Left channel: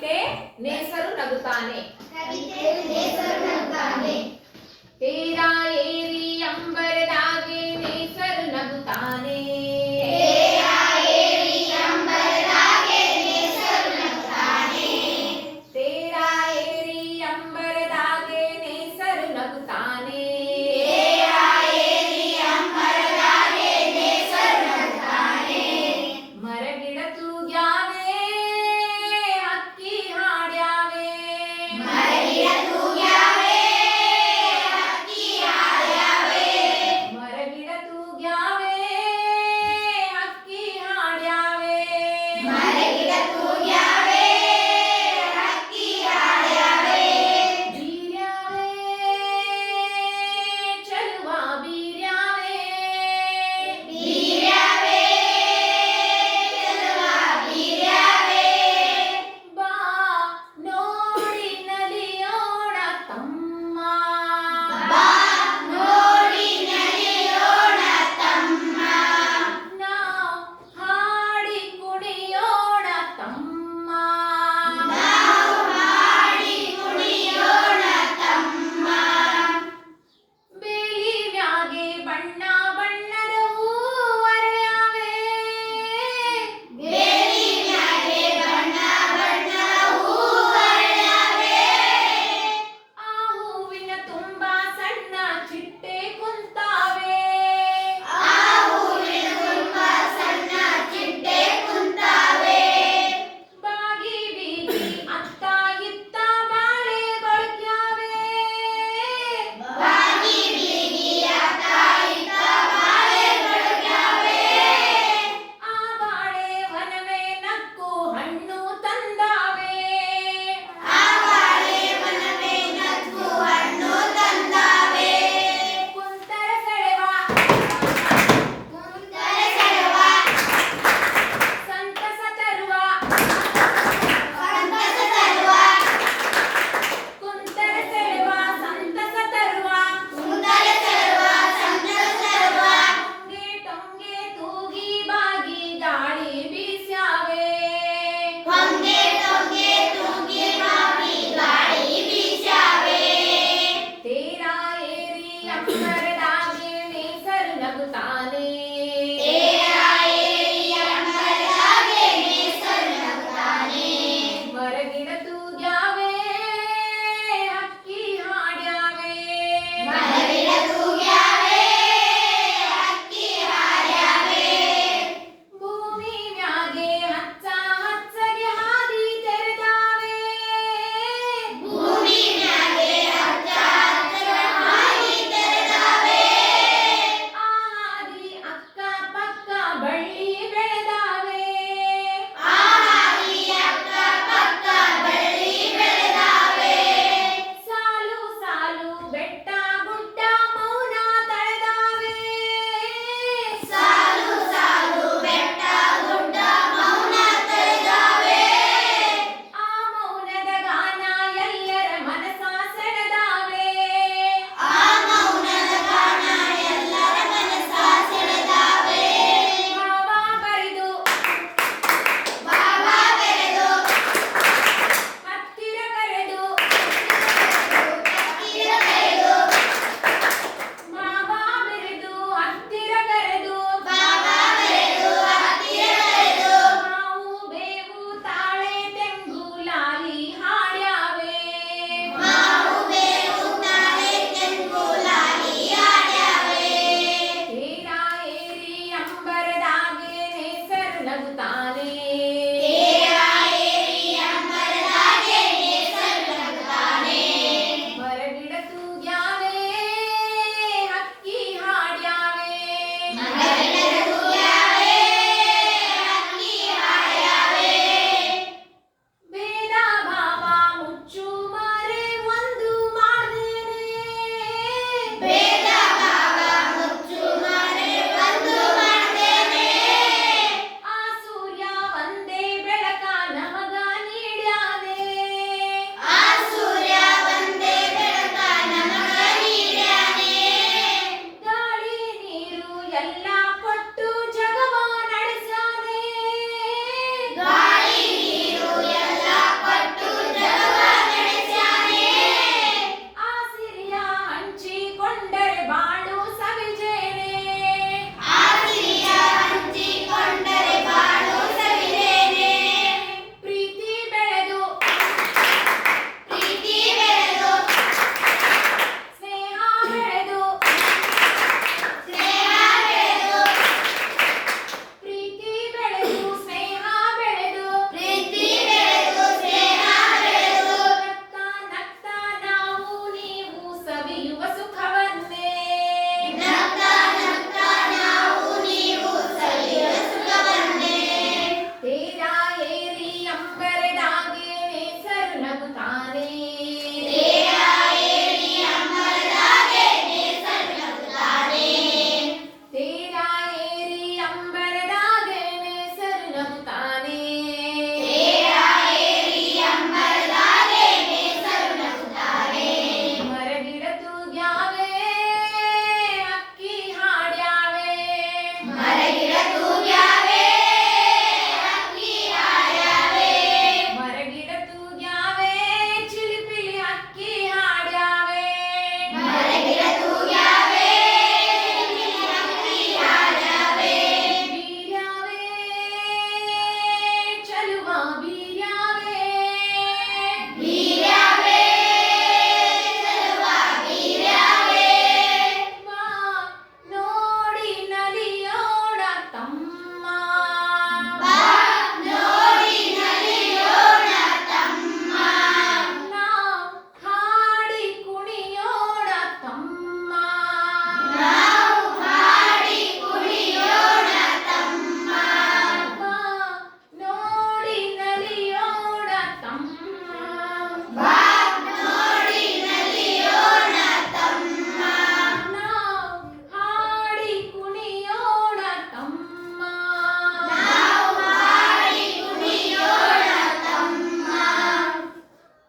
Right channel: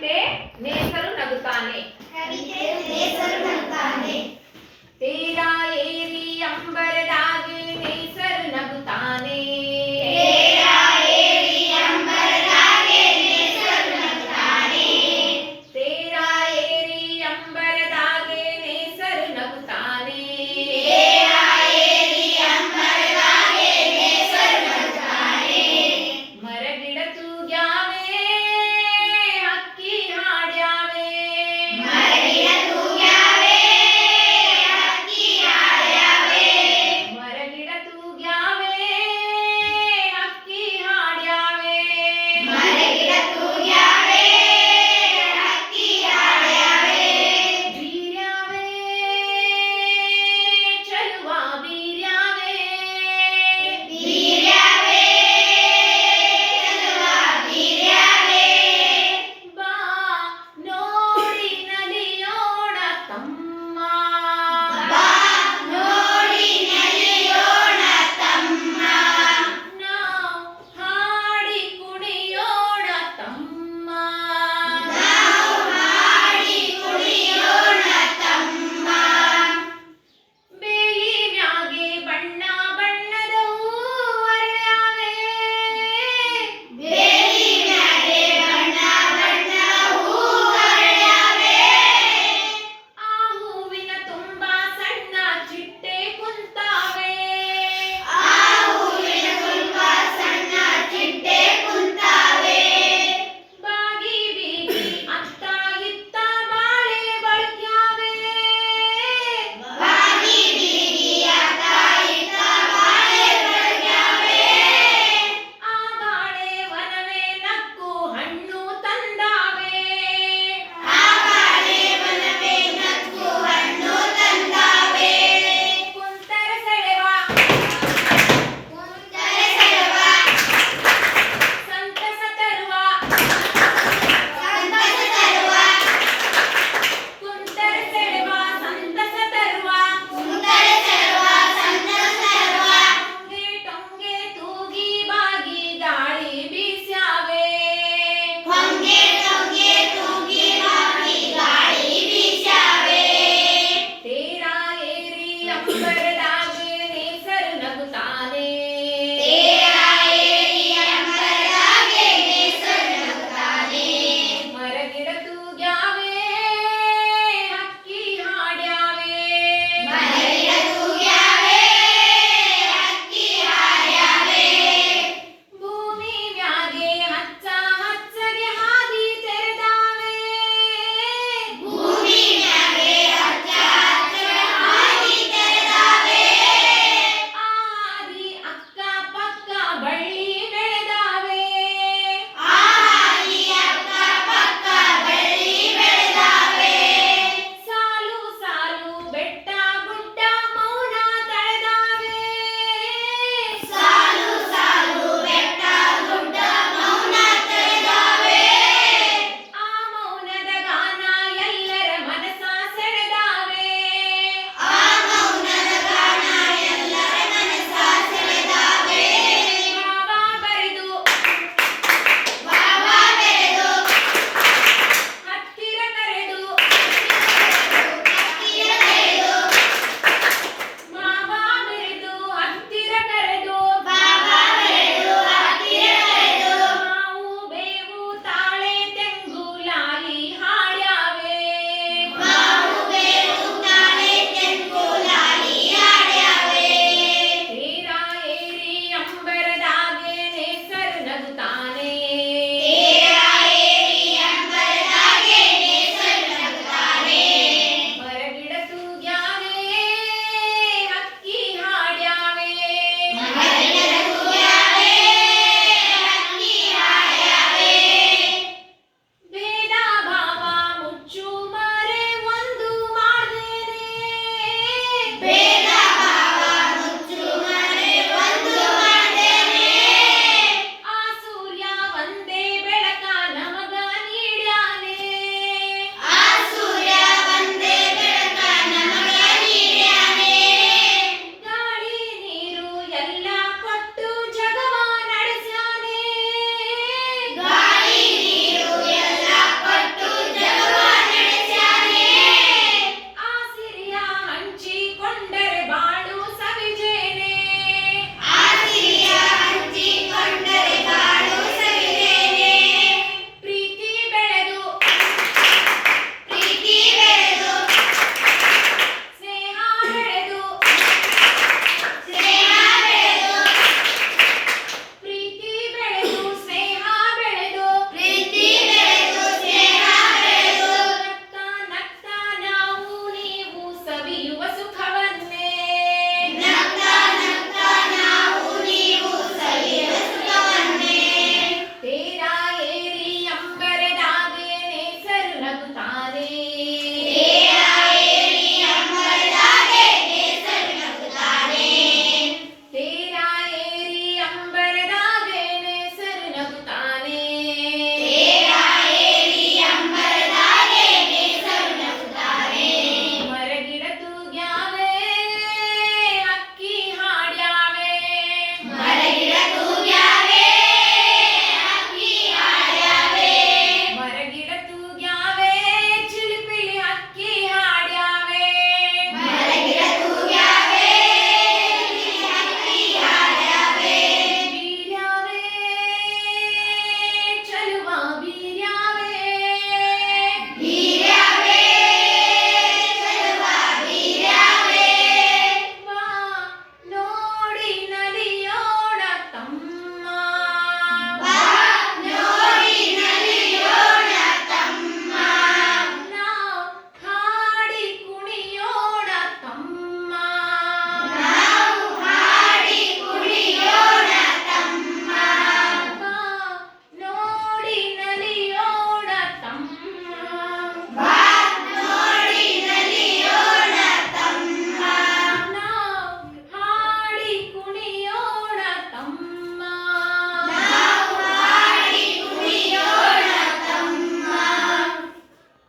ಕವಿತೆ ನೇಸರು ನಗುತ್ತಾನೆ ಕವಿತೆ ನೇಸರು ನಗುತ್ತಾನೆ ತೀರ ಏರಿ ಅಂಬರದಾಚೆ